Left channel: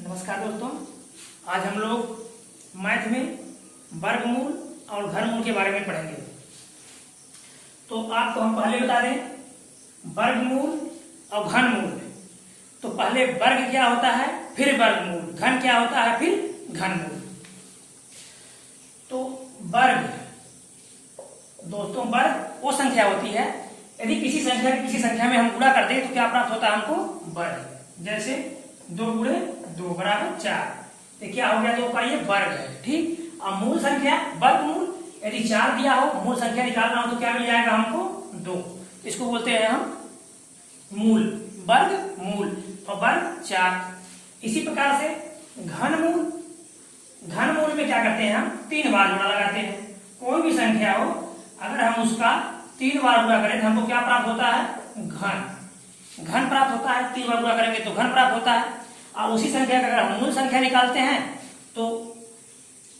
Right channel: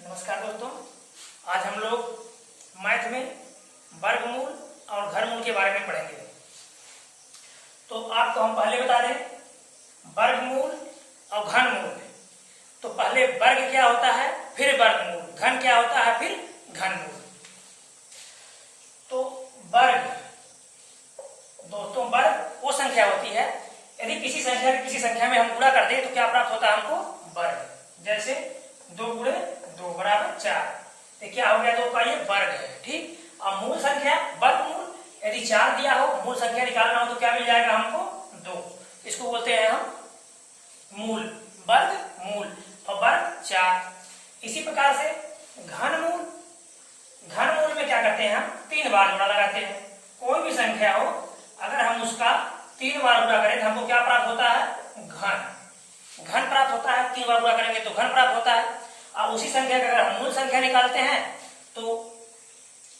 नमस्कार दोस्तों, आज हम लोग मैथ में वर्गमूल और घनमूल के बारे में पढ़ेंगे। तो आपको हम पहले बता दें वर्गमूल और घनमूल। तो पहले वर्ग क्या होता है, फिर वर्गमूल, घन क्या होता है, फिर घनमूल। तो वर्ग दोस्तों, वर्ग वो संख्या होती है, यदि किसी संख्या की किसी संख्या में हम गुणा कर दें तो क्या प्राप्त होता है हमको, वर्ग। जैसे 2 गुणे 2 बराबर 4, तो क्या हो गया, 2 का ये वर्ग है। ठीक। और मूल संख्या वर्गमूल, यदि 4 दिया हो, मूल संख्या निकालना हो तो क्या मिल जाएगा हमको, 2। इसको बोलते हैं हम मूल, वर्ग मूल और वर्ग 4। इसी प्रकार से घनमूल, घनमूल में क्या करते हैं हम 3 बार गुणा लगाते हैं। कोई भी संख्या हो, अगर हम उसका 3 बार गुणा करें तो हमको क्या प्राप्त होता है, घन प्राप्त होता है। 3 बार गुणा करेंगे तो घन प्राप्त होता है। और उसी संख्या का अगर हम मूल संख्या निकालते हैं तो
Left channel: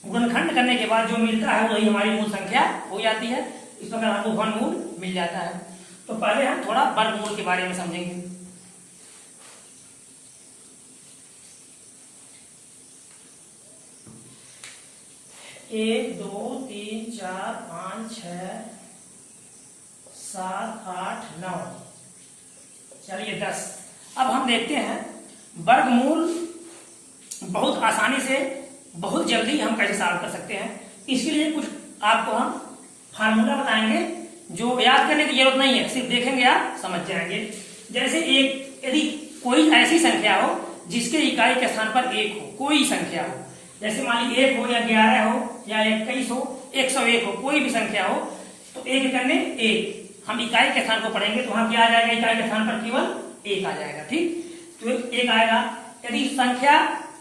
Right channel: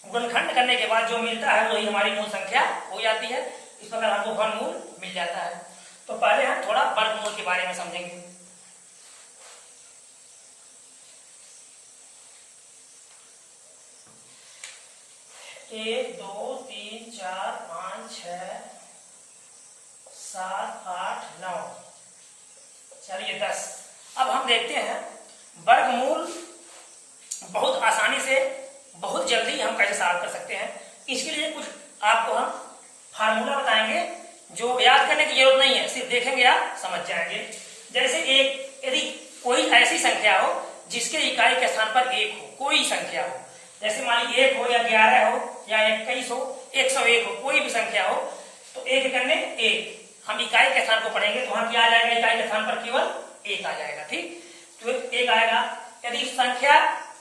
गुणनखंड करने के बाद जो मिलता है वही हमारी मूल संख्या हो जाती है। इस प्रकार हमको घनमूल मिल जाता है। तो पहले हम थोड़ा वर्गमूल के बारे में समझेंगे। 1 2 3 4 5 6 7 8 9, चलिए 10। अब हम देखते हैं वर्गमूल बहुत आसानी से, बहुत जल्दी हम कैसे सॉल्व कर सकते हैं। इसके लिए कुछ आपको हम फार्मूला बताएंगे जो याद करने की जरूरत नहीं है, सिर्फ देखेंगे आप समझ जाएंगे। जैसे एक, यदि कोई ऐसी संख्या हो जिसके इकाई के स्थान पर 1 हो, कोई संख्या हो, जैसे मान लीजिए 1 हो या 11 हो या 21 हो, 101 हो, कोई भी संख्या हो, तो 1 करने 1, हम इकाई के स्थान को पढ़ेंगे तो वहां क्या आ जाएगा, इकाई के स्थान पर केवल 1 आ जाएगा। ठीक, तो 1 आएगा। यदि संख्या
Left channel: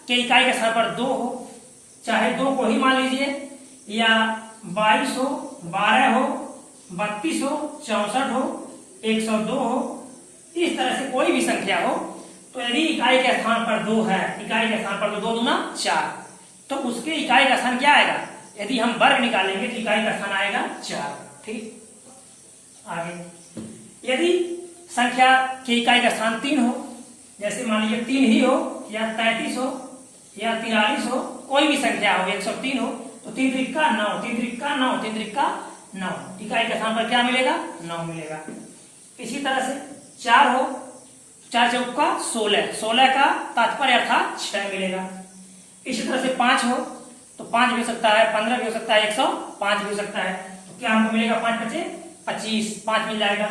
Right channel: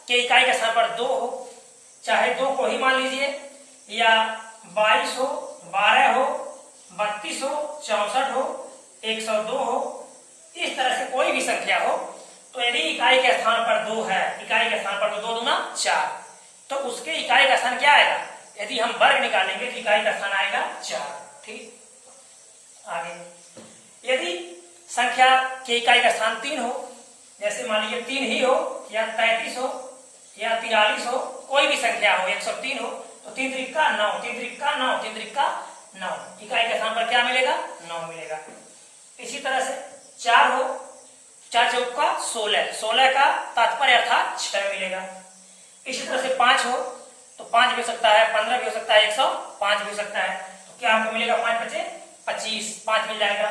के इकाई के स्थान पर 2 हो, चाहे 2 को ही मान लीजिए, या 22 हो, 12 हो, 32 हो, 64 हो, 102 हो, इस तरह से कोई भी संख्या हो, तो यदि इकाई के स्थान पर 2 है, इकाई के स्थान पर 2 दूना 4, तो उसके इकाई का स्थान क्या आएगा, यदि हम वर्ग निकालेंगे तो इकाई का स्थान आएगा 4। ठीक, आगे यदि संख्या के इकाई का स्थान 3 हो, जैसे मान लीजिए 3 ही हो या 33 हो या 43 हो, कोई भी संख्या हो, 103 हो, तो 3 त्रिका 9, 3 त्रिका 9, 3 त्रिका 9, इकाई के स्थान पर क्या मिलेगा, 9 मिलेगा। इसी तरह से 4 हो, 4 चौका 16, 16 का तात्पर्य अर्थात 6 मिलेगा। इसी तरह से 5 हो तो 5 भी हो सकता है, 15 भी हो सकता है, 105 भी हो सकता है, तो क्या हमको मिलेगा, 5 बचे 25, 5 मिल जाएगा।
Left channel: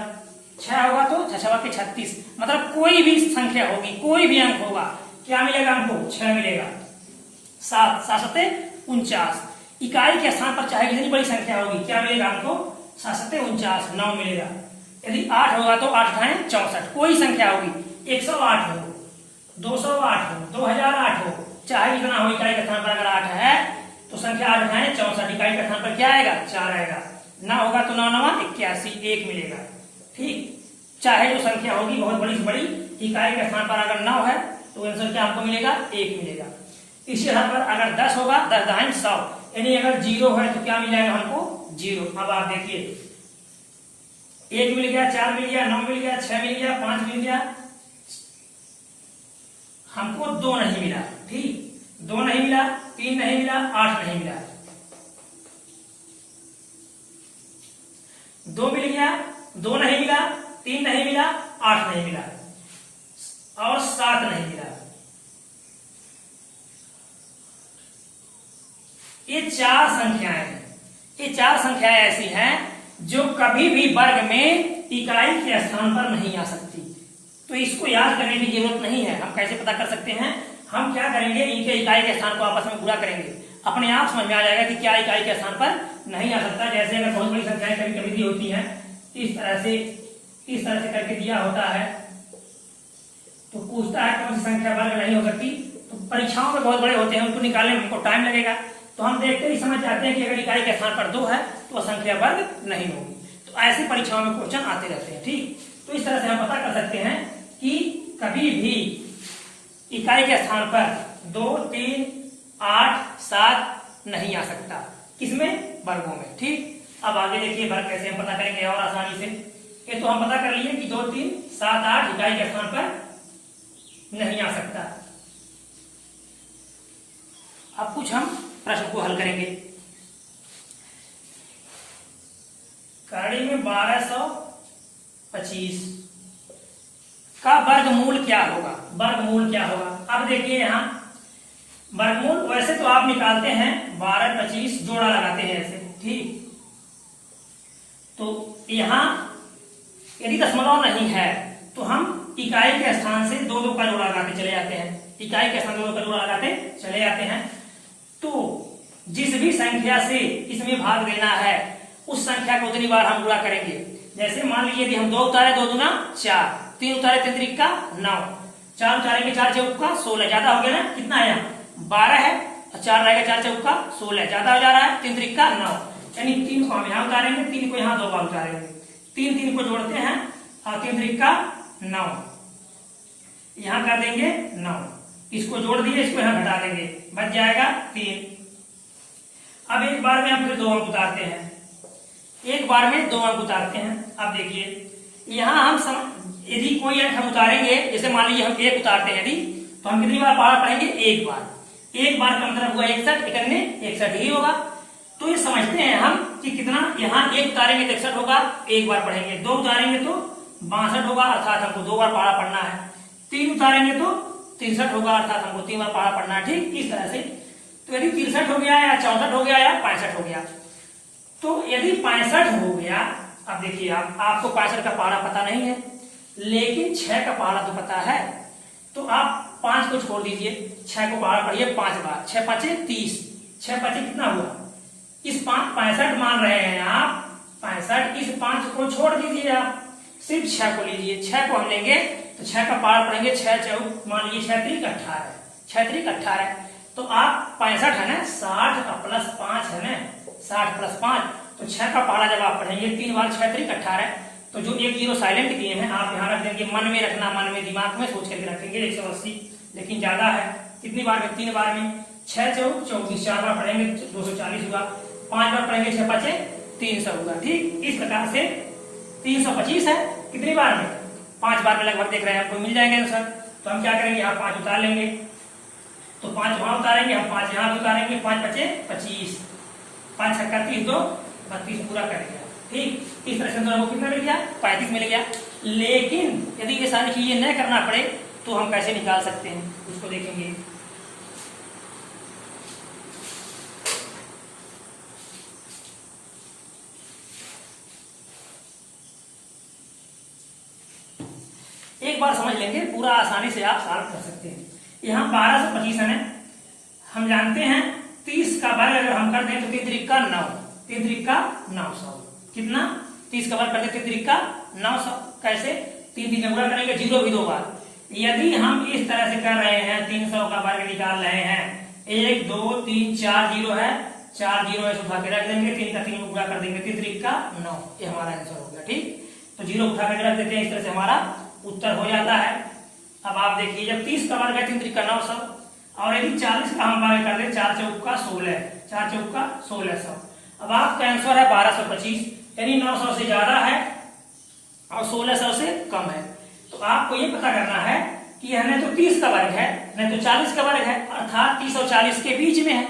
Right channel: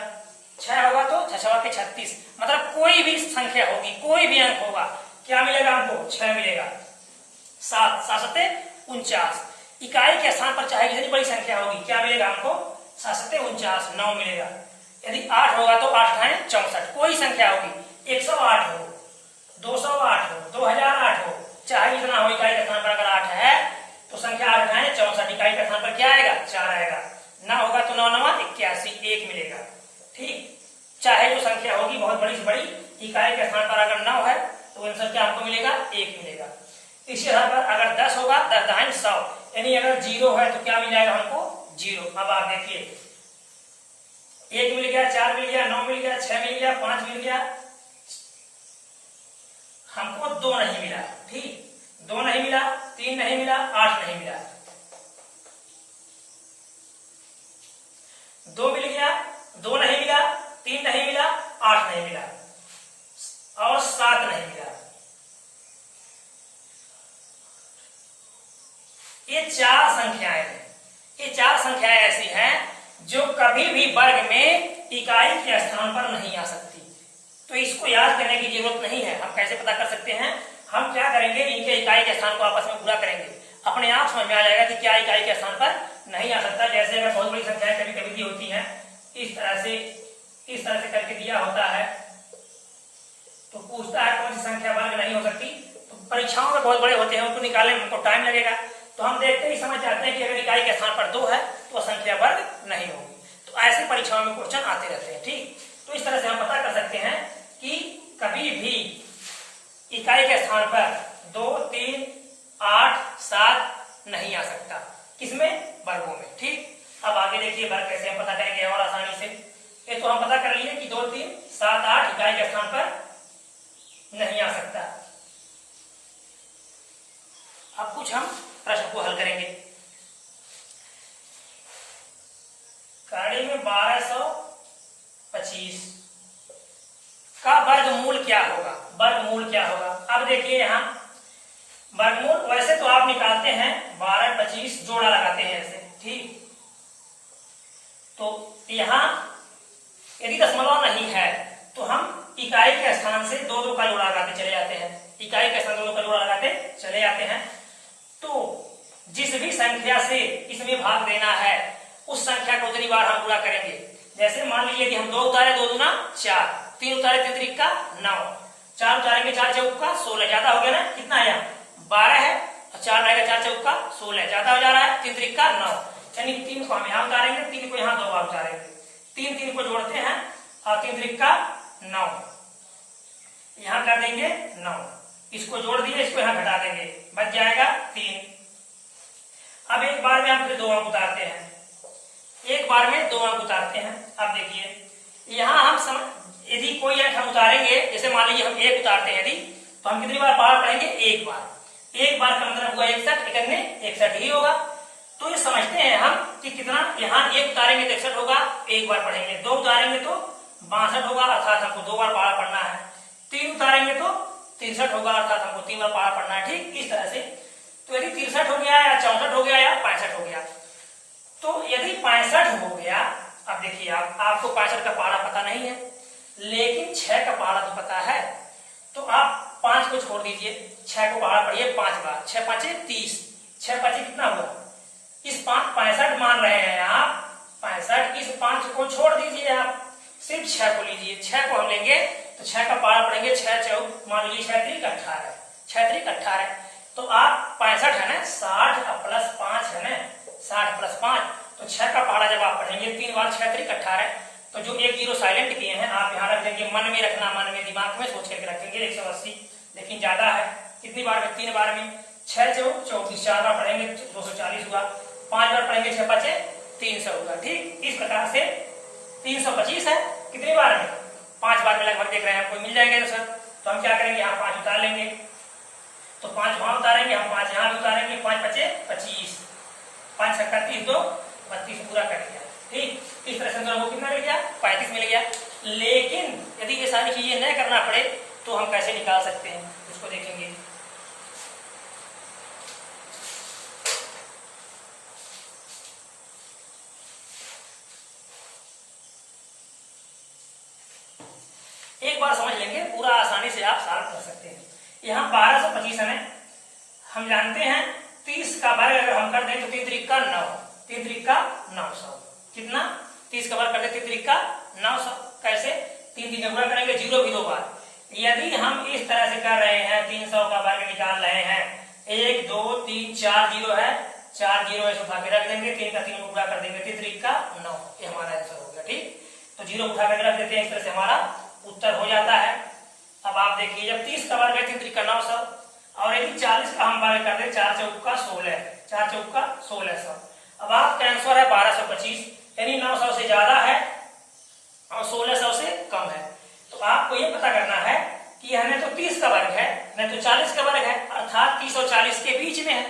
6 होगा तो 6 के 36, मतलब कोई भी संख्या होगी, कोई भी अंक होगा, क्या मिलेगा हमको, 6 मिलेगा। 7, 7 49, इकाई के स्थान पर चाहे कितनी बड़ी संख्या होगी, क्या मिलेगा हमको, 7 49, 9 मिलेगा। यदि 8 होगा तो 8 खाए 64, कोई संख्या होगी, 108 हो, 208 हो, 2008 हो, चाहे कितना हो, इकाई के स्थान पर अगर 8 है तो संख्या 8 खाए 64, इकाई के स्थान पर क्या आएगा, 4 आएगा। 9 होगा तो 9 9 81, 1 मिलेगा। ठीक, चाहे जो संख्या होगी बहुत बड़ी से बड़ी, इकाई के स्थान पर अगर 9 है तो आंसर क्या हमको मिलेगा, 1 मिलेगा। इसी आधार पर अगर 10 होगा, 10 दाहिने 100, यानी अगर 0 है तो क्या मिल जाएगा हमको, 0। अब आप देखिए 1 मिल गया, 4 मिल गया, 9 मिल गया, 6 मिल गया, 5 मिल गया, हमको 2 नहीं मिला। ठीक, 2 नहीं मिला, 3 नहीं मिला, 8 नहीं मिला, 2 मिल गया, 2 नहीं मिला, 3 नहीं मिला, 8 नहीं मिला और 7 नहीं मिला। ये 4 संख्याएं हैं, ये 4 संख्याएं ऐसी हैं जो कभी भी वर्ग में इकाई के स्थान पर नहीं आ सकती। तो इसको याद करने की जरूरत नहीं है। हम कैसे पता कर सकते हैं, हम क्या करेंगे, इनके इकाई के स्थान को आपस में गुणा करेंगे, अपने आप समझ में आ जाएगा कि क्या इकाई के स्थान पर नहीं आ सकता। जैसे अगर बहुत बड़ी संख्याएं कभी कभी दी होती हैं, इस तरह से करके दिया होता है, तो पूछता है कौन सी संख्या वर्ग नहीं हो सकती, तो परीक्षाओं में बहुत बड़े होते हैं, उनको निकालने में हमको टाइम लगेगा, तो हम देखते ही समझ जाते हैं कि अगर इकाई के स्थान पर 2 है तो संख्या वर्ग नहीं होगी। तो ऐसे परीक्षाओं में क्वेश्चन आते रहते हैं। ठीक, तो इस तरह से हम पता कर सकते हैं कि कभी भी इकाई के स्थान पर 2 3 8 7 नहीं आ सकता, किसमें, वर्गों में। ठीक, अब आगे देखिए वर्ग कैसे हम पता करेंगे और आसानी से। ये तो हम पता कर लिए कि 2 3 7 8 इकाई के स्थान पर नहीं आ सकता। कुछ हम प्रश्न को हल करेंगे। करड़ी में 1225 का वर्गमूल क्या होगा? वर्गमूल क्या होगा? अब देखिए यहाँ वर्गमूल वैसे तो आप निकालते हैं 1225 जोड़ा लगाते हैं ऐसे, ठीक। तो यहाँ यदि दशमलव नहीं है तो हम इकाई के स्थान से दो का जोड़ा लगाते चले जाते हैं, इकाई के स्थान दो का जोड़ा लगाते चले जाते हैं। तो जिस भी संख्या से इसमें भाग देना है उस संख्या को उतनी बार हम पूरा करेंगे। जैसे मान लीजिए कि हम 2 उतारे 2 दूना 4, 3 उतारे 3 त्रिक का 9, 4 उतारेंगे 4 चौक का 16, ज्यादा हो गया ना, कितना है यहाँ 12 है, और 4 रहेगा 4 चौक का 16, ज्यादा हो जा रहा है, 3 त्रिक का 9, यानी 3 को हम यहाँ उतारेंगे, 3 को यहाँ 2 बार उतारेंगे, 3 को जोड़ते हैं और 3 त्रिक का 9, यहाँ कर देंगे 9, इसको जोड़ दिए, इसको यहाँ घटा देंगे, बच जाएगा 3। अब एक बार में हम फिर 2 अंक उतारते हैं, एक बार में 2 अंक उतारते हैं। अब देखिए यहाँ हम यदि कोई अंक हम उतारेंगे, जैसे मान लीजिए हम 1 उतारते हैं यदि, तो हम कितनी बार पारा पढ़ेंगे? एक बार। एक बार का मतलब हुआ 61, इकन्ने 61 ही होगा। तो ये समझते हैं हम कि कितना, यहाँ 1 उतारेंगे तो 61 होगा, एक बार पढ़ेंगे, 2 उतारेंगे तो 62 होगा, अर्थात हमको 2 बार पारा पढ़ना है, 3 उतारेंगे तो 63 होगा, अर्थात हमको 3 बार पारा पढ़ना है, ठीक। इस तरह से तो यदि 63 हो गया या 64 हो गया या 65 हो गया, तो यदि 65 हो गया, अब देखिए आपको 65 का पारा पता नहीं है लेकिन 6 का पारा तो पता है, तो आप 5 को छोड़ दीजिए, 6 को पारा पढ़िए 5 बार, 6 5 30, 6 5 कितना हुआ, इस 65 मान रहे हैं आप 65, इस 5 को छोड़ दीजिए, आप सिर्फ 6 को लीजिए, 6 को हम लेंगे तो 6 का पारा पढ़ेंगे, 6 चौक मान लीजिए 6 त्रिक 18, 6 त्रिक 18, तो आप 65 है ना, 60 प्लस 5 है ना, 60 प्लस 5, तो 6 का पारा जब आप पढ़ेंगे 3 बार 6 त्रिक 18, तो जो 1 0 साइलेंट किए हैं आप यहाँ रख देंगे, मन में रखना, मन में दिमाग में सोच करके रखेंगे 180, लेकिन ज्यादा है, कितनी बार में? 3 बार में, 6 चौक 24, 4 बार पढ़ेंगे 240 हुआ, 5 बार पढ़ेंगे 6 5 300 हुआ, ठीक। इस प्रकार से 325 है, कितनी बार में? 5 बार में लगभग देख रहे हैं, आपको मिल जाएंगे सर। तो हम क्या करेंगे, यहाँ 5 उतार लेंगे, तो 5 वहां उतारेंगे, हम 5 यहाँ भी उतारेंगे, 5 5 25, 5 छक्का 30 2 32 पूरा कर दिया, ठीक। इस तरह से हमको कितना मिल गया? 35 मिल गया। लेकिन यदि ये सारी चीजें न करना पड़े तो हम कैसे निकाल सकते हैं, उसको देखेंगे। एक बार समझ लेंगे, पूरा आसानी से आप सॉल्व कर सकते हैं। यहाँ 1225 है, हम जानते हैं 30 का वर्ग अगर हम कर दें तो 3 त्रिक का 9, 3 त्रिक का 900, कितना? 30 का वर्ग कर दे 3 त्रिक का 900, कैसे? 3 3 का गुणा करेंगे, 0 भी 2 बार। यदि हम इस तरह से कर रहे हैं, 300 का वर्ग निकाल रहे हैं, 1 2 3 4 0 है, 4 0 ऐसे उठा के रख देंगे, 3 का 3 को पूरा कर देंगे, 3 त्रिक का 9, ये हमारा आंसर हो गया, ठीक। तो 0 उठा कर रख देते हैं, इस तरह से हमारा उत्तर हो जाता है। अब आप देखिए, जब 30 का वर्ग है 3 त्रिक का 900, और यदि 40 का हम वर्ग कर दे 4 चौक का 16, 4 चौक का 1600, अब आपका आंसर है 1225, यानी 900 से ज्यादा है और 1600 से कम है। तो आपको ये पता करना है कि यह न तो 30 का वर्ग है न तो 40 का वर्ग है, अर्थात 30 और 40 के बीच में है।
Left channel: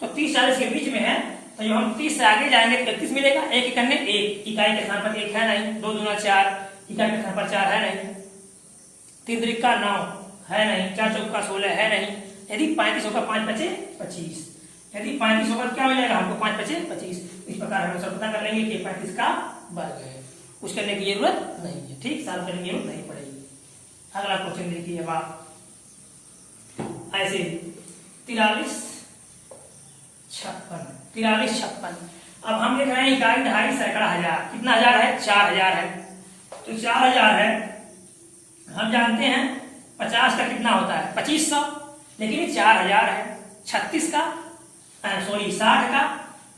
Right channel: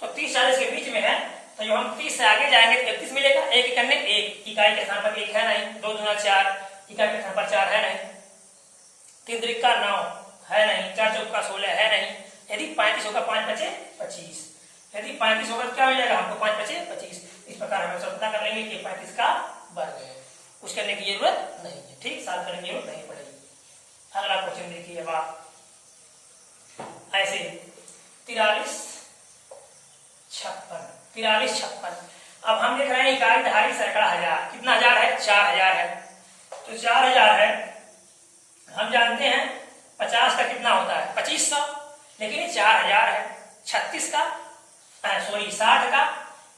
तो 30 40 के बीच में है, तो जब हम 30 से आगे जाएंगे तो 31 मिलेगा, 1 इकन्ने 1, इकाई के स्थान पर 1 है नहीं, 2 दूना 4, इकाई के स्थान पर 4 है नहीं, 3 त्रिक का 9 है नहीं, 4 चौक का 16 है नहीं, यदि 35 होगा 5 5 25, यदि 35 होगा क्या मिलेगा हमको? 5 5 25। इस प्रकार हम आंसर पता कर लेंगे कि 35 का वर्ग है, कुछ करने की जरूरत नहीं है, ठीक, सॉल्व करने की जरूरत नहीं पड़ेगी। अगला क्वेश्चन देखिए, अब आप ऐसे 43 56, अब हम देख रहे हैं इकाई दहाई सैकड़ा हजार, कितना हजार है? 4000 है, तो 4000 है, हम जानते हैं 50 का कितना होता है? 2500, लेकिन ये 4000 है। 36 का 60 का,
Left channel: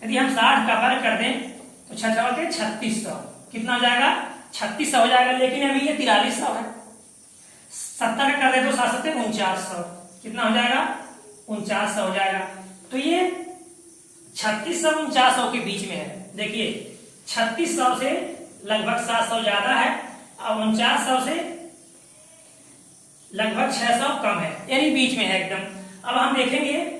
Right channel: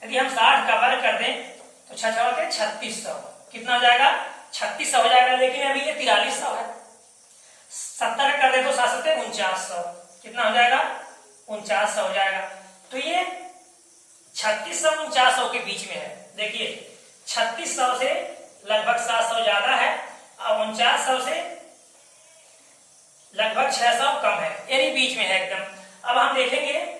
यदि हम 60 का वर्ग कर दें तो 6 के 3600, कितना हो जाएगा? 3600 हो जाएगा, लेकिन अभी ये 4300 है। 70 का कर दे तो 7 7 4900, कितना हो जाएगा? 4900 हो जाएगा। तो ये 3600 4900 के बीच में है। देखिए 3600 से लगभग 700 ज्यादा है और 4900 से लगभग 600 कम है, यानी बीच में है एकदम। अब हम देखेंगे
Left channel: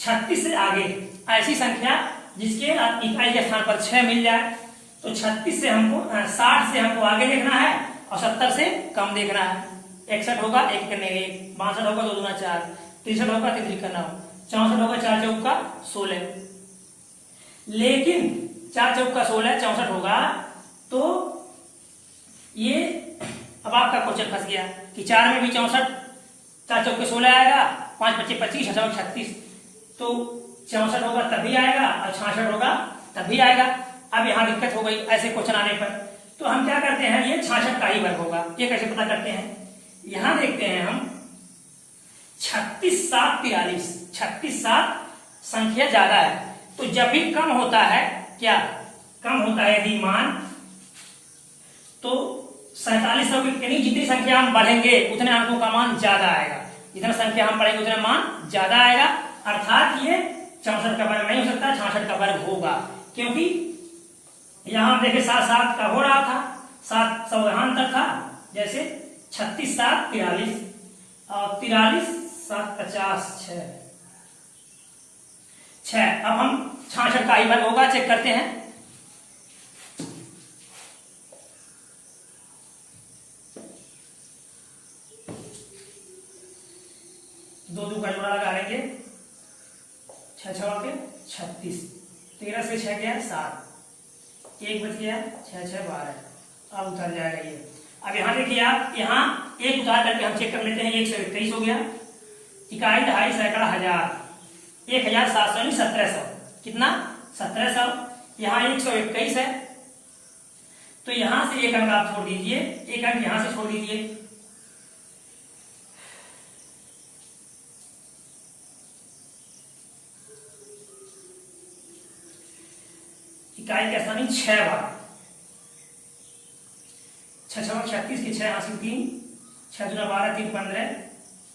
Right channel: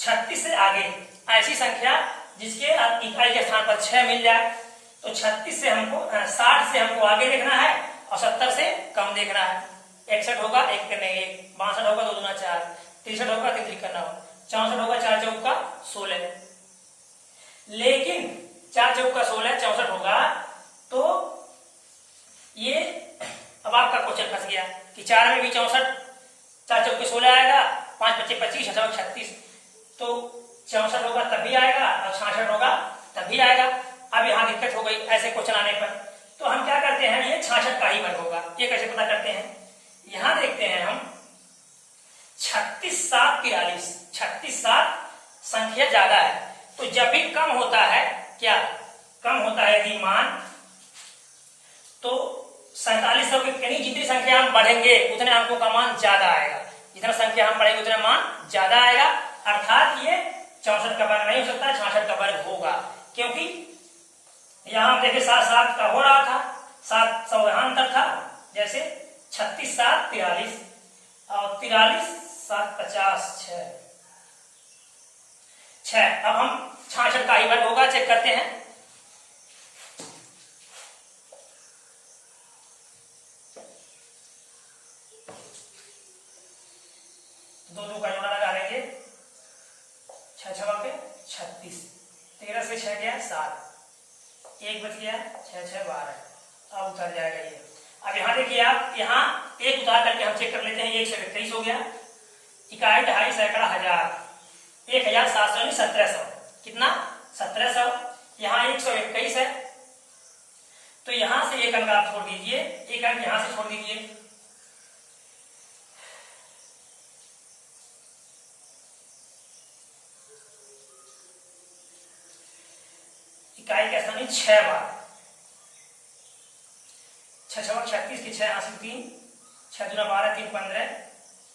36 से आगे ऐसी संख्या जिसके इकाई के स्थान पर 6 मिल जाए, तो 36 से हमको 60 से हमको आगे देखना है और 70 से कम देखना है। 61 होगा 1 करने 1, 62 होगा 2 दूना 4, 63 होगा 3 3 9, 64 होगा 4 चौका 16। लेकिन 4 चौका 16 64 होगा, तो ये अब आपका क्वेश्चन फंस गया कि 4 में भी 64, 4 चौके 16 आएगा, 5 25 25 36, तो 64 होगा तभी आएगा और 66 होगा तभी आएगा। अब यहाँ दिक्कत हो गई ऐसे क्वेश्चन आने पर, तो हम क्या करते हैं, ये 66 का ही वर्ग होगा। ये कैसे पता करते हैं, यहां देखते हैं हम 36 7 43, 36 7 संख्या ज्यादा है, तो जब भी कम होता है, क्या कम होता है यदि मान, तो 47 यानी जितनी संख्या हम बढ़ेंगे उतने अंकों का मान ज्यादा आएगा, जितना संख्या हम बढ़ेंगे उतना मान ज्यादा आएगा। अर्थात ये 64 का वर्ग नहीं हो सकता, 66 का वर्ग होगा, क्योंकि यहां हम देखे 7 7 का हो रहा था, 7 सौहान तक था, जैसे 36 7 43 और 43 7 50 6। अब हम 66 का ही वर्ग होगा, चेक करते हैं। दो का जोड़ा लगा लेंगे, 6 6 के 36, 13 से 6 गया 7, 1 बच गया 6 6 12, अब उतर जाएगा ये। अब यहाँ देखिए आप, यहाँ एक उतार करके हम चेक कर लेते हैं, 121 हो गया, इकाई दहाई सैकड़ा हजार, 1700 यानी 1700, कितना 1700। यहाँ 121 है, तो यहां से एक अंक आप छोड़ दीजिए, एक अंक यहां से छोड़ दीजिए, इकाई का स्थान 6 बार, 6 6 36 की 6 80 3, 6 दूना 12 3 15,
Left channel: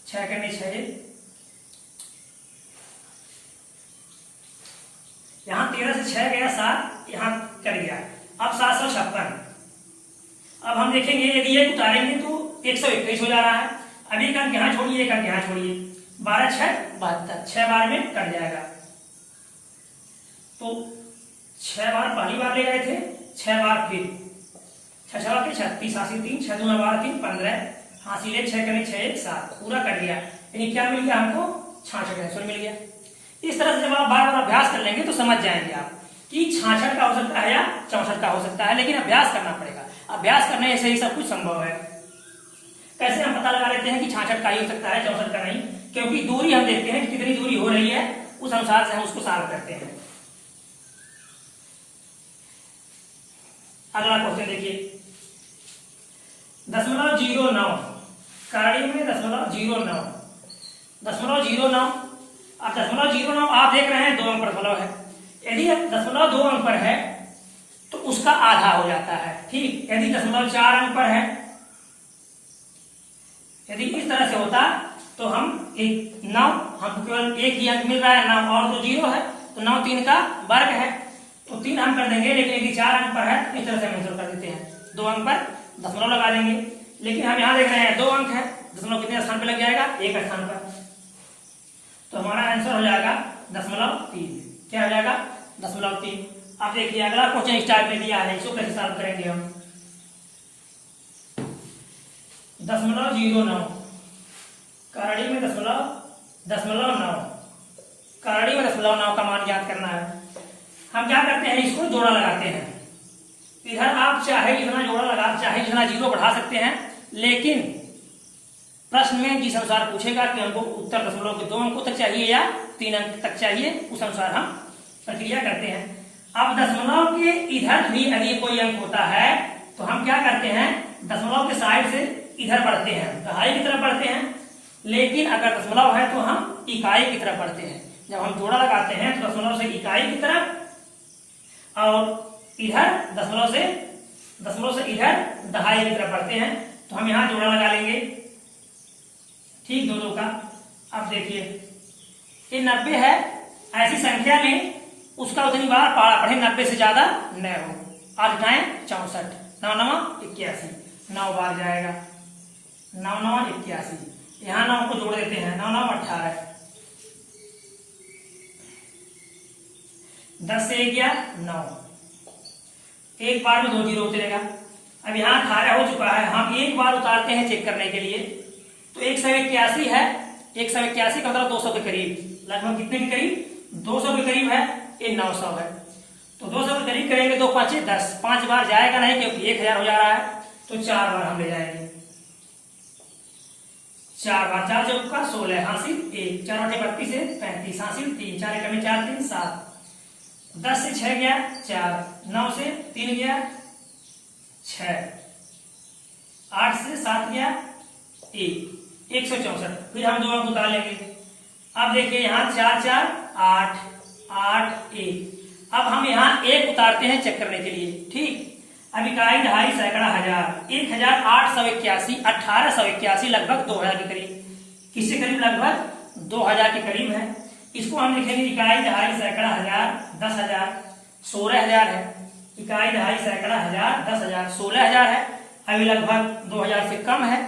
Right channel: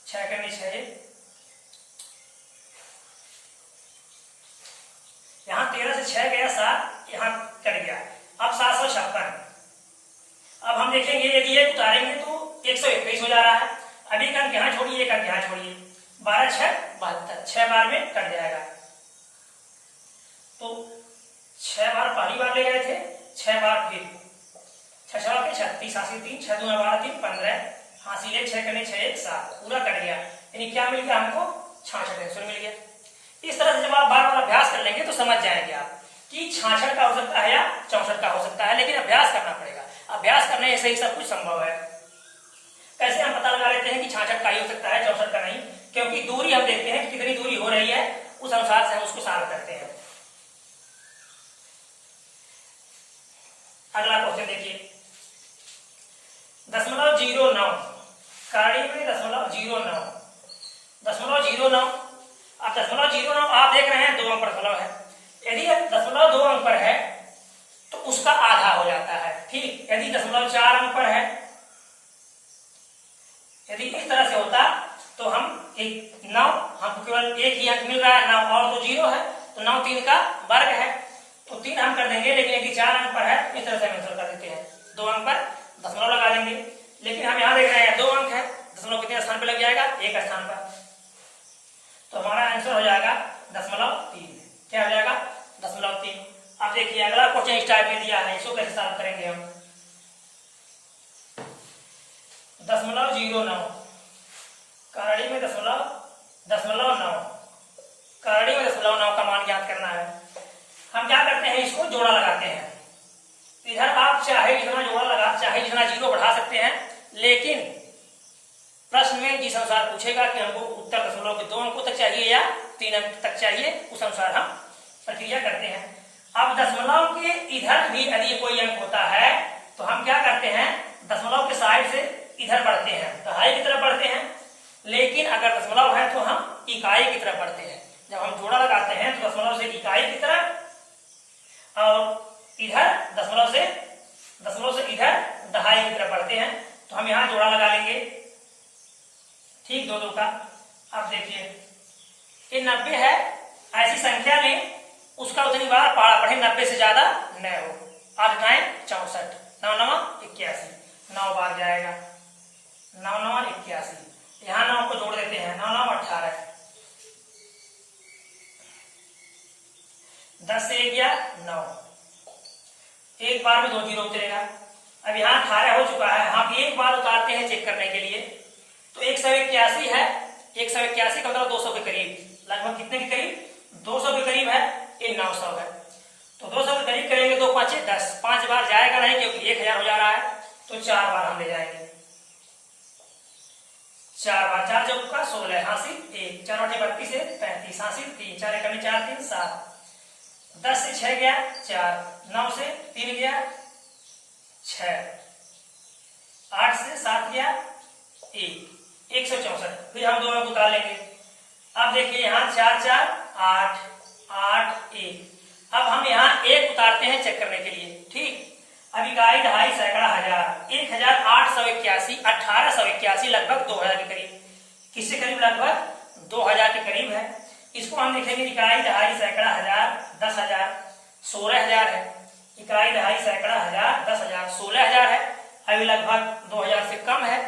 6 करने 6, यहां 13 से 6 गया 7, यहां कट गया, अब 756। अब हम देखेंगे यदि ये उतारेंगे तो 121 हो जा रहा है। अब एक अंक यहां छोड़िए, एक अंक यहां छोड़िए, 12 6 72, 6 बार में कट जाएगा। तो 6 बार पहली बार ले गए थे, 6 बार फिर 6 6 के 36 80 3, 6 दूना 12 3 15, हासिल 6 करने 6 1 7, पूरा कट गया, यानी क्या मिल गया हमको 66 आंसर मिल गया। इस तरह से जब आप बार बार अभ्यास कर लेंगे तो समझ जाएंगे आप कि 66 का हो सकता है या 64 का हो सकता है, लेकिन अभ्यास करना पड़ेगा। अभ्यास करने से ही सब कुछ संभव है। कैसे हम पता लगा लेते हैं कि 66 का ही हो सकता है, 64 का नहीं, क्योंकि दूरी हम देखते हैं कि कितनी दूरी हो रही है, उस अनुसार से हम उसको सॉल्व करते हैं। अगला क्वेश्चन देखिए, 0.09 कड़ी में 0.09, 0.09। अब 0.09 आप देख रहे हैं 2 अंक पर दशमलव है, यदि 0.2 अंक पर है तो उसका आधा हो जाता है, ठीक। यदि 0.4 अंक पर है, यदि इस तरह से होता तो हम 9, हमको केवल एक ही अंक मिल रहा है 9 और तो 0 है, तो 9 3 का वर्ग है, तो 3 हम कर देंगे। लेकिन यदि 4 अंक पर है इस तरह से हम आंसर कर देते हैं, 2 अंक पर दशमलव लगा देंगे। लेकिन हम यहाँ देख रहे हैं 2 अंक है, दशमलव कितने स्थान पर लग जाएगा, एक स्थान पर, तो हमारा आंसर हो जाएगा 0.3। क्या हो जाएगा 0.3। अब देखिए अगला क्वेश्चन इस टाइप में दिया है, इसको कैसे सॉल्व करेंगे हम। 0.09 करड़ी में 0.9, करड़ी में 0.9 का मान ज्ञात करना है। हम क्या करते हैं, इसको जोड़ा लगाते हैं। इधर आप चाहे जितना जोड़ा लगा, चाहे जितना 0 बढ़ा सकते हैं, लेकिन प्रश्न में जिस अनुसार पूछेगा कि हमको उत्तर दशमलव के 2 अंकों तक चाहिए या 3 अंक तक चाहिए, उस अनुसार हम प्रक्रिया करते हैं। अब दशमलव के इधर भी यदि कोई अंक होता है तो हम क्या करते हैं, दशमलव के साइड से इधर बढ़ते हैं, दहाई की तरफ बढ़ते हैं। लेकिन अगर दशमलव है तो हम इकाई की तरफ बढ़ते हैं। जब हम जोड़ा लगाते हैं तो दशमलव से इकाई की तरफ और इधर दशमलव से इधर दहाई की तरफ बढ़ते हैं। तो हम यहाँ जोड़ा लगा लेंगे, ठीक, 2 2 का। अब देखिए ये 90 है, ऐसी संख्या में उसका उतनी बार पारा पढ़े 90 से ज्यादा न हो। 8 9 64, 9 9 81, 9 बार जाएगा, 9 9 81। यहाँ 9 को जोड़ देते हैं, 9 9 18, 10 से 1 गया 9, एक बार में 2 जीरो उतरेगा। अब यहाँ 18 हो चुका है, हम एक बार उतारते हैं चेक करने के लिए। तो 181 है, 181 का मतलब 200 के करीब, लगभग कितने के करीब 200 के करीब है, ये 900 है। तो 200 के करीब करेंगे, 2 5 10, 5 बार जाएगा नहीं क्योंकि 1000 हो जा रहा है, तो 4 बार हम ले जाएंगे। 4 बार, 4 चौका 16, हासिल 1, 4 8 32 से 35, हासिल 3, 4 1 4 3 7, 10 से 6 गया 4, 9 से 3 गया 6, 8 से 7 गया 1, 164। फिर हम 2 अंक उतार लेंगे। अब देखिए यहाँ 4 4 8 8 1, अब हम यहाँ 1 उतारते हैं चेक करने के लिए, ठीक। अब इकाई, दहाई, सैकड़ा, हजार, 1881, 1881 लगभग 2000 के करीब, किससे करीब, लगभग 2000 के करीब है। इसको हम लिखेंगे इकाई, दहाई, सैकड़ा, हजार, 10,000, 16,000 है। इकाई, दहाई, सैकड़ा, हजार, 10,000, 16,000 है। अभी लगभग 2000 से कम है,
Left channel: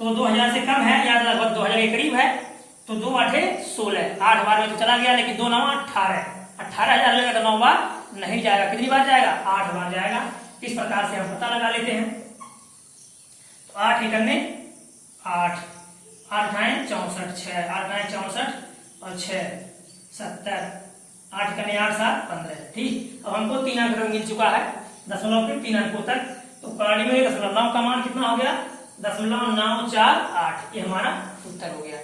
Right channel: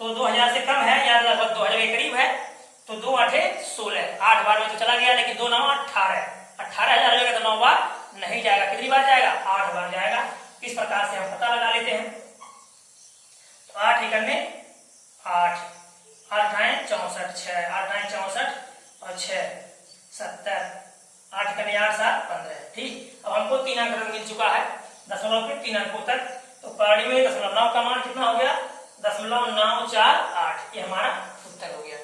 तो 2000 से कम है या लगभग 2000 के करीब है, तो 2 8 16, 8 बार में तो चला गया, लेकिन 2 9 18, 18,000 लगेगा तो 9 बार नहीं जाएगा, कितनी बार जाएगा, 8 बार जाएगा। इस प्रकार से हम पता लगा लेते हैं। तो 8 एकड़ में 8, 8 9 64, 6, 8 9 64 और 6 70, 8 कने 8 7 15, ठीक। अब हमको 3 अंक मिल चुका है, दशमलव के 3 अंकों तक। तो कड़ी में 0.9 का मान कितना हो गया, 0.948, ये हमारा उत्तर हो गया।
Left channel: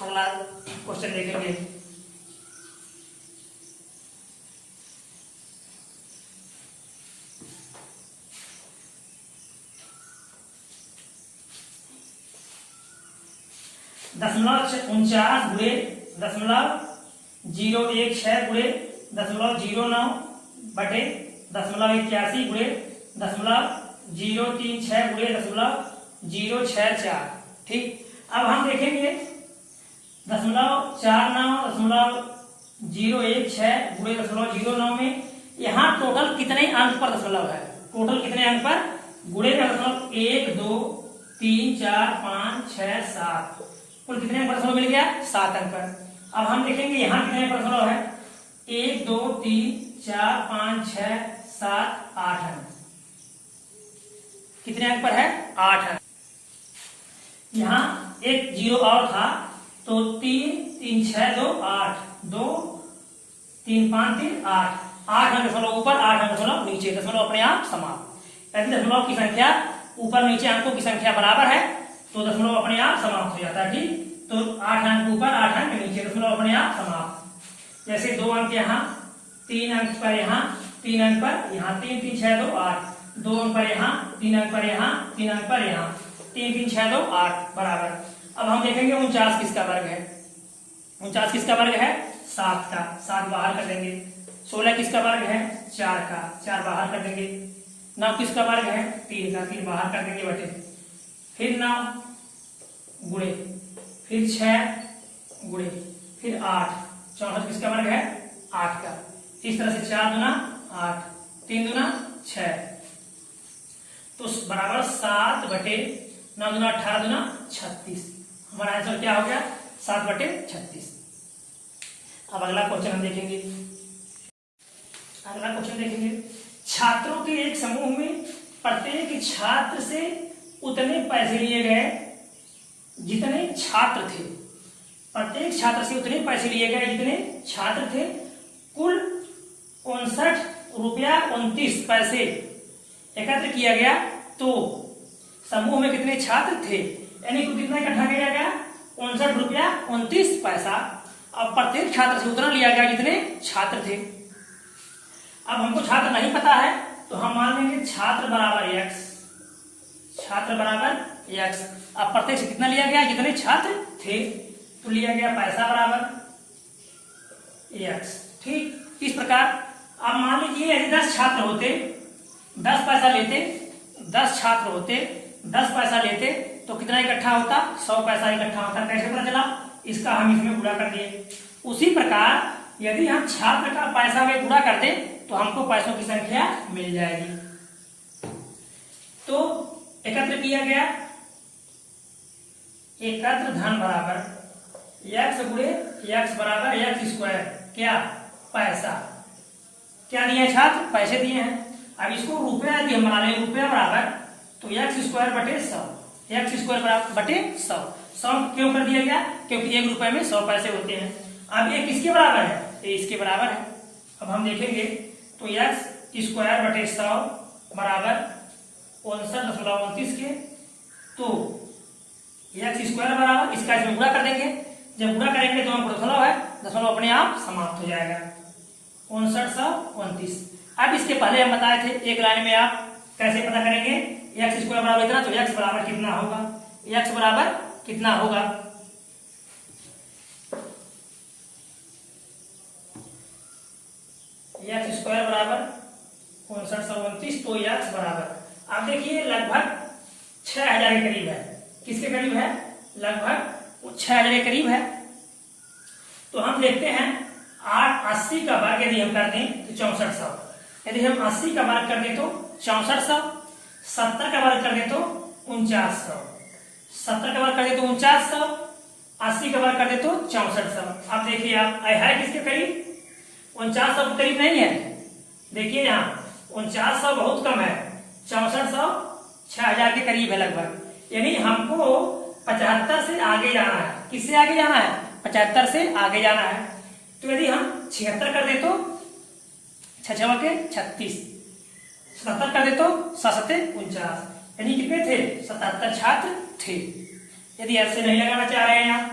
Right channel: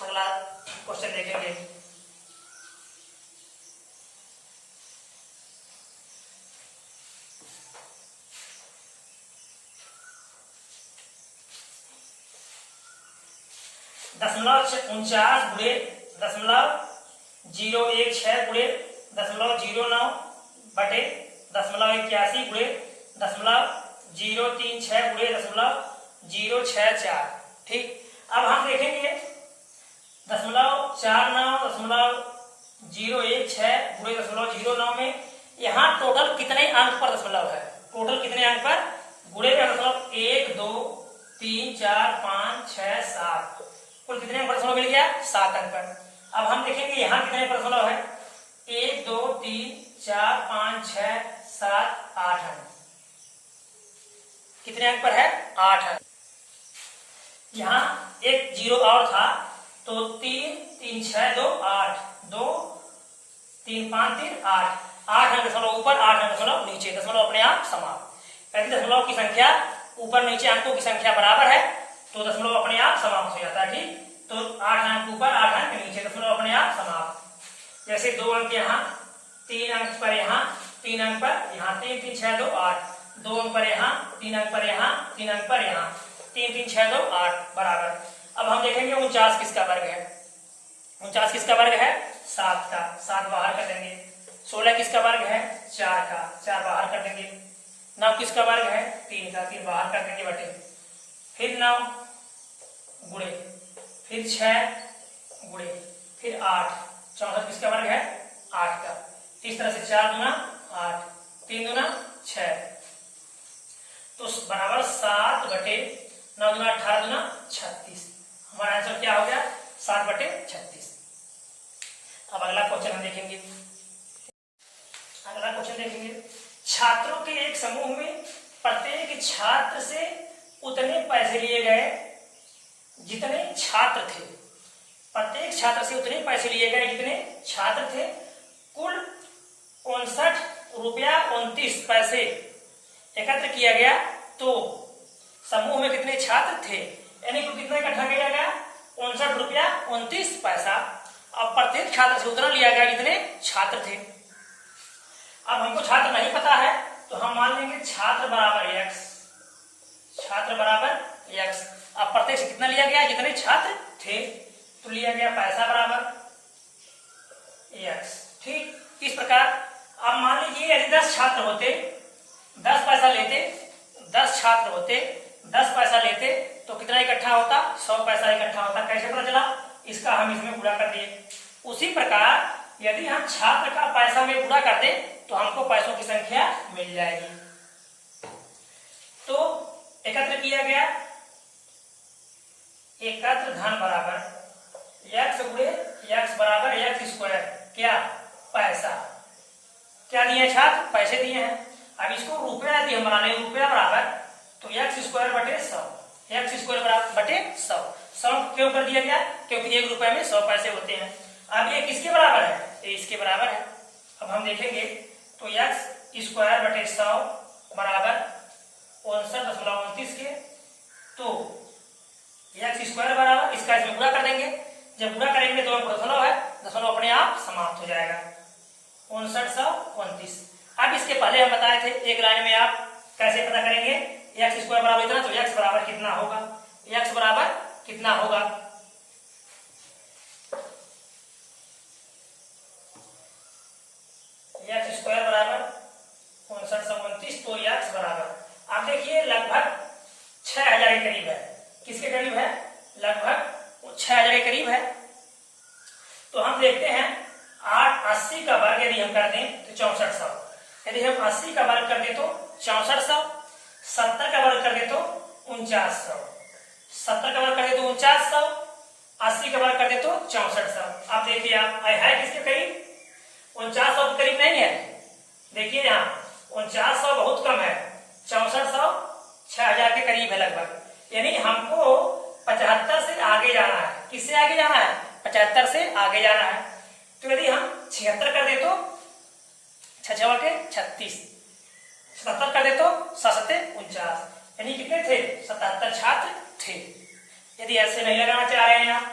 अगला क्वेश्चन देखेंगे। .49 गुणे .016 गुणे .09 बटे .81 गुणे .036 गुणे .064, ठीक। अब हम देखेंगे 0.49 .016 गुणे .009 में यहाँ टोटल कितने अंक पर दशमलव है, टोटल कितने अंक पर गुणे का दशमलव 1 2 3 4 5 6 7, कुल कितने अंक पर दशमलव मिल गया, 7 अंक पर। अब हम देखेंगे यहाँ कितने पर दशमलव है, 1 2 3 4 5 6 7 8 अंक, कितने अंक पर है, 8 अंक। यहाँ एक जीरो और था, तो 3 3 6 2 8, 2 3 5 3 8, 8 अंक दशमलव ऊपर, 8 अंक दशमलव नीचे, दशमलव अपने आप समाप्त। यदि दशमलव की संख्या ऊपर नीचे अंकों की संख्या बराबर है तो दशमलव अपने आप समाप्त हो जाता है, ठीक। तो 8 अंक ऊपर 8 अंक नीचे, दशमलव अपने आप समाप्त। जैसे 2 अंक यहाँ, 3 अंक पर यहाँ, 3 अंक पर यहाँ, 3 3 6 2 8, 2 अंक पर यहाँ, 3 अंक पर यहाँ, 3 अंक पर यहाँ, 3 3 6 2 8 बराबर। अब हम देखेंगे 49 किसका वर्ग है, 49 किसका वर्ग है, 7 का, 7 बाहर कर देंगे। 16 किसका वर्ग है, 4 का, 4 बाहर कर देंगे। 9 किसका वर्ग है, 3 का, 3 बाहर कर देंगे बटे। फिर 9 गुणे, फिर 6 गुणे, फिर 8, 64 किसका वर्ग है, 8 का। इस तरह से 4 दूना 8, 3 दूना 6, तो बराबर 7 बटे 9 दूना 18 दूना 36। हमारा आंसर क्या हो गया, 7 बटे 36। अब अगला क्वेश्चन हम देखेंगे। अगला क्वेश्चन देखेंगे, छात्रों के एक समूह में प्रत्येक छात्र से उतने पैसे लिए गए जितने छात्र थे, प्रत्येक छात्र से उतने पैसे लिए गए जितने छात्र थे। कुल 59 रुपया 29 पैसे एकत्र किया गया, तो समूह में कितने छात्र थे, यानी कुल कितना इकट्ठा किया गया, 59 रुपया 29 पैसा। अब प्रत्येक छात्र से उतना लिया गया जितने छात्र थे। अब हमको छात्र नहीं पता है, तो हम मान लेंगे छात्र बराबर x, छात्र बराबर x। अब प्रत्येक से कितना लिया गया, जितने छात्र थे, तो लिया गया पैसा बराबर x, ठीक। इस प्रकार अब मान लीजिए यदि 10 छात्र होते, 10 पैसा लेते, 10 छात्र होते, 10 पैसा लेते, तो कितना इकट्ठा होता, 100 पैसा इकट्ठा होता। कैसे पता चला, इसका हम इसमें गुणा कर दिए। उसी प्रकार यदि हम छात्र का पैसा में गुणा कर दें तो हमको पैसों की संख्या मिल जाएगी। तो एकत्र किया गया, एकत्र धन बराबर x गुणे x बराबर x स्क्वायर, क्या पैसा। क्या दिए छात्र? पैसे दिए हैं। अब इसको रुपया यदि हम बना लें, रुपया बराबर तो x स्क्वायर बटे 100, x स्क्वायर बटे 100। 100 क्यों कर दिया गया? क्योंकि 1 रुपए में 100 पैसे होते हैं। अब ये किसके बराबर है? ये इसके बराबर है। अब हम देखेंगे तो x स्क्वायर बटे 100 बराबर 59.29 के, तो x स्क्वायर बराबर इसका इसमें गुणा कर देंगे। जब गुणा करेंगे तो हम दशमलव है, दशमलव अपने आप समाप्त हो जाएगा। 5929। अब इसके पहले हम बताए थे एक लाइन में आप कैसे पता करेंगे x स्क्वायर बराबर इतना, तो x बराबर कितना होगा? x बराबर कितना होगा? x स्क्वायर बराबर 5929, तो x बराबर आप देखिए लगभग 6000 के करीब है। किसके करीब है? लगभग 6000 के करीब है। तो हम देखते हैं 80 का वर्ग यदि हम कर दें तो 6400, यदि हम 80 का वर्ग कर दें तो 6400, 70 का वर्ग कर दें तो 4900, 70 का वर्ग कर दे तो 4900, 80 का वर्ग कर दे तो 6400। अब देखिए आप है किसके करीब? 4900 के करीब नहीं है। देखिए यहाँ 4900 बहुत कम है, 6400 6000 के करीब है लगभग। यानी हमको 75 से आगे जाना है। किससे आगे जाना है? 75 से आगे जाना है। तो यदि हम 76 कर दे तो 6 के 36, 77 कर दे तो 7 49, यानी कितने थे? 77 छात्र थे। यदि ऐसे नहीं लगाना चाह रहे हैं आप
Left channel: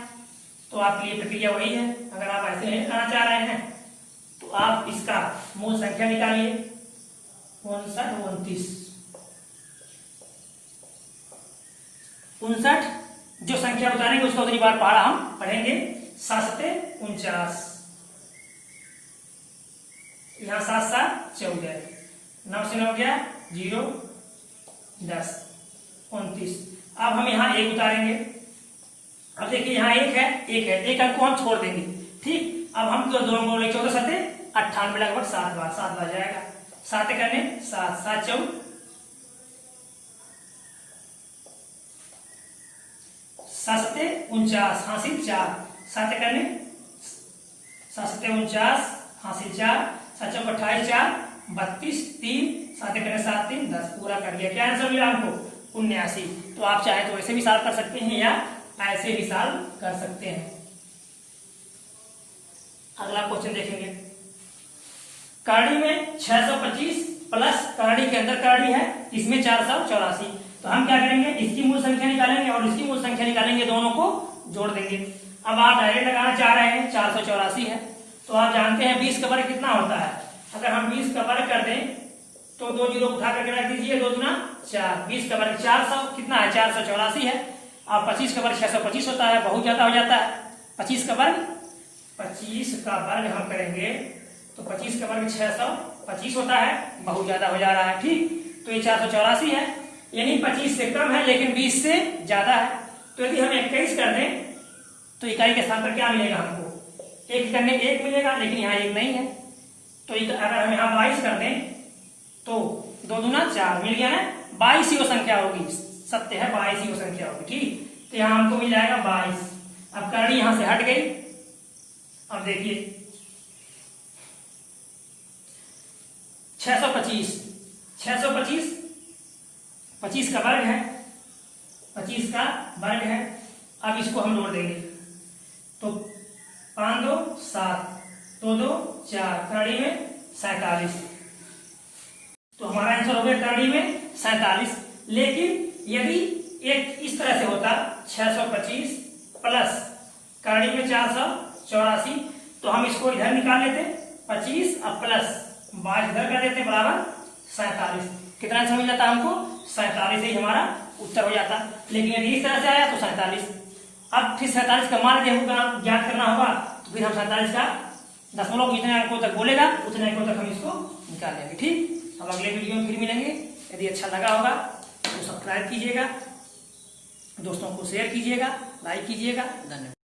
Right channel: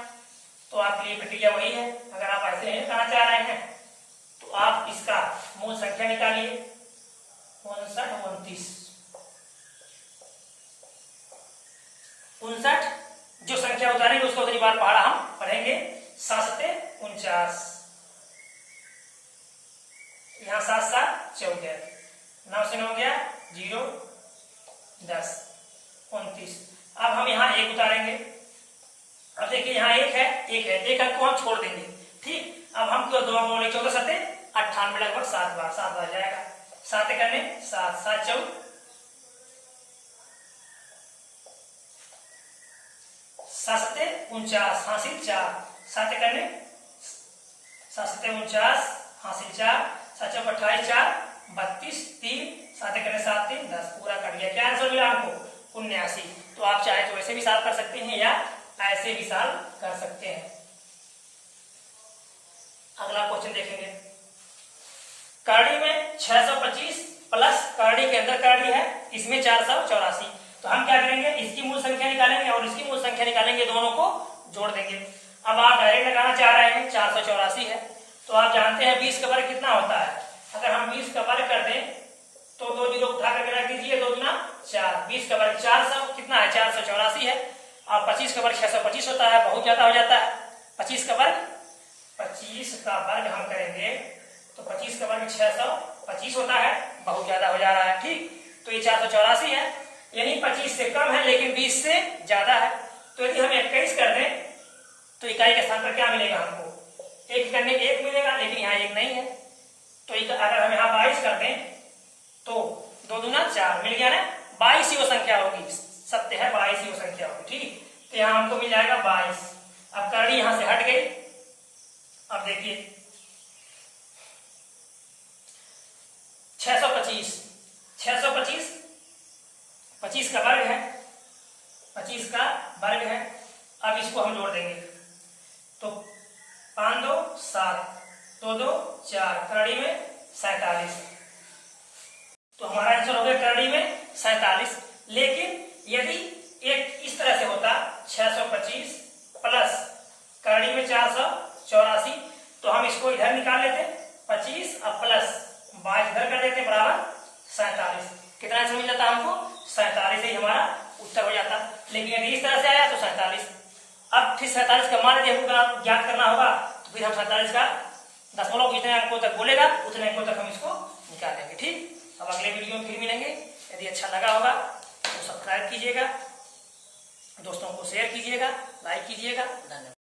तो आपके लिए प्रक्रिया वही है। अगर आप ऐसे नहीं लगाना चाह रहे हैं तो आप इसका मूल संख्या निकालिए 59 59। जो संख्या उतारेंगे उसको अगली बार पढ़ा हम पढ़ेंगे। 7 49, यहाँ 7 7 14, 9 से 9 गया 0 10 29। अब हम यहाँ 1 उतारेंगे। अब देखिए यहाँ 1 है, 1 है, 1 अंक को हम छोड़ देंगे। ठीक, अब हम 2 बोले 14 7 98 लगभग 7 बार जाएगा। 7 करने 7 7 4 7 49 हासिल 4, 7 करने 7 49 हासिल 4, 7 4 28 4 32 3, 7 करने 7 3 10, पूरा कर दिया। क्या आंसर मिला हमको? 79। तो आप चाहे तो ऐसे भी सॉल्व कर सकते हैं या ऐसे भी सॉल्व कर सकते हैं। अगला क्वेश्चन देखेंगे। करड़ी में 625 प्लस करड़ी के अंदर करड़ी है, इसमें 484। तो हम क्या करेंगे? इसकी मूल संख्या निकालेंगे और इसकी मूल संख्या निकालेंगे, दोनों को जोड़ देंगे। अब आप डायरेक्ट लगाना चाह रहे हैं, 484 है तो आप जानते हैं 20 का वर्ग कितना होता है। अगर हम 20 का वर्ग कर दें तो 2 जीरो उठा करके रख दीजिए, 2 दूना 4, 20 का वर्ग 400 कितना है? 484 है। और 25 का वर्ग 625 होता है, बहुत ज्यादा हो जाता है। 25 का वर्ग हम करेंगे तो 25 का वर्ग 625 होता है, बहुत ज्यादा हो जा रहा है। ठीक, तो ये 484 है, यानी 25 से कम है लेकिन 20 से ज्यादा है। तो यदि हम 21 कर दें तो इकाई के स्थान पर क्या मिलेगा हमको? 1 करने 1 मिलेगा, लेकिन यहाँ 1 नहीं है। तो अगर हम यहाँ 22 कर दें तो 2 दूना 4 मिल गया ना, 22 ही वो संख्या होगी। सत्य है 22 ही वो संख्या होगी। ठीक, तो यहाँ हमको मिल जाएगा 22। अब करड़ी यहां से हट गई। अब देखिए 625 25 का वर्ग है, 25 का वर्ग है। अब इसको हम जोड़ देंगे तो 5 2 7, 2 2 4, करड़ी में 47। तो हमारा आंसर हो गया करड़ी में 47। लेकिन यदि एक इस तरह से होता 625 प्लस करड़ी में 484, तो हम इसको इधर निकाल लेते 25 और प्लस 22 इधर कर देते बराबर 47। कितना आंसर मिल जाता हमको? 47 ही हमारा उत्तर हो जाता। लेकिन यदि इस तरह से आया तो 47। अब फिर 47 का मान यदि हमको ज्ञात करना होगा तो फिर हम 47 का दशमलव जितने अंकों तक बोलेगा उतने अंकों तक हम इसको निकाल लेंगे। ठीक, अब अगले वीडियो में फिर मिलेंगे। यदि अच्छा लगा होगा तो सब्सक्राइब कीजिएगा, दोस्तों को शेयर कीजिएगा, लाइक कीजिएगा। धन्यवाद।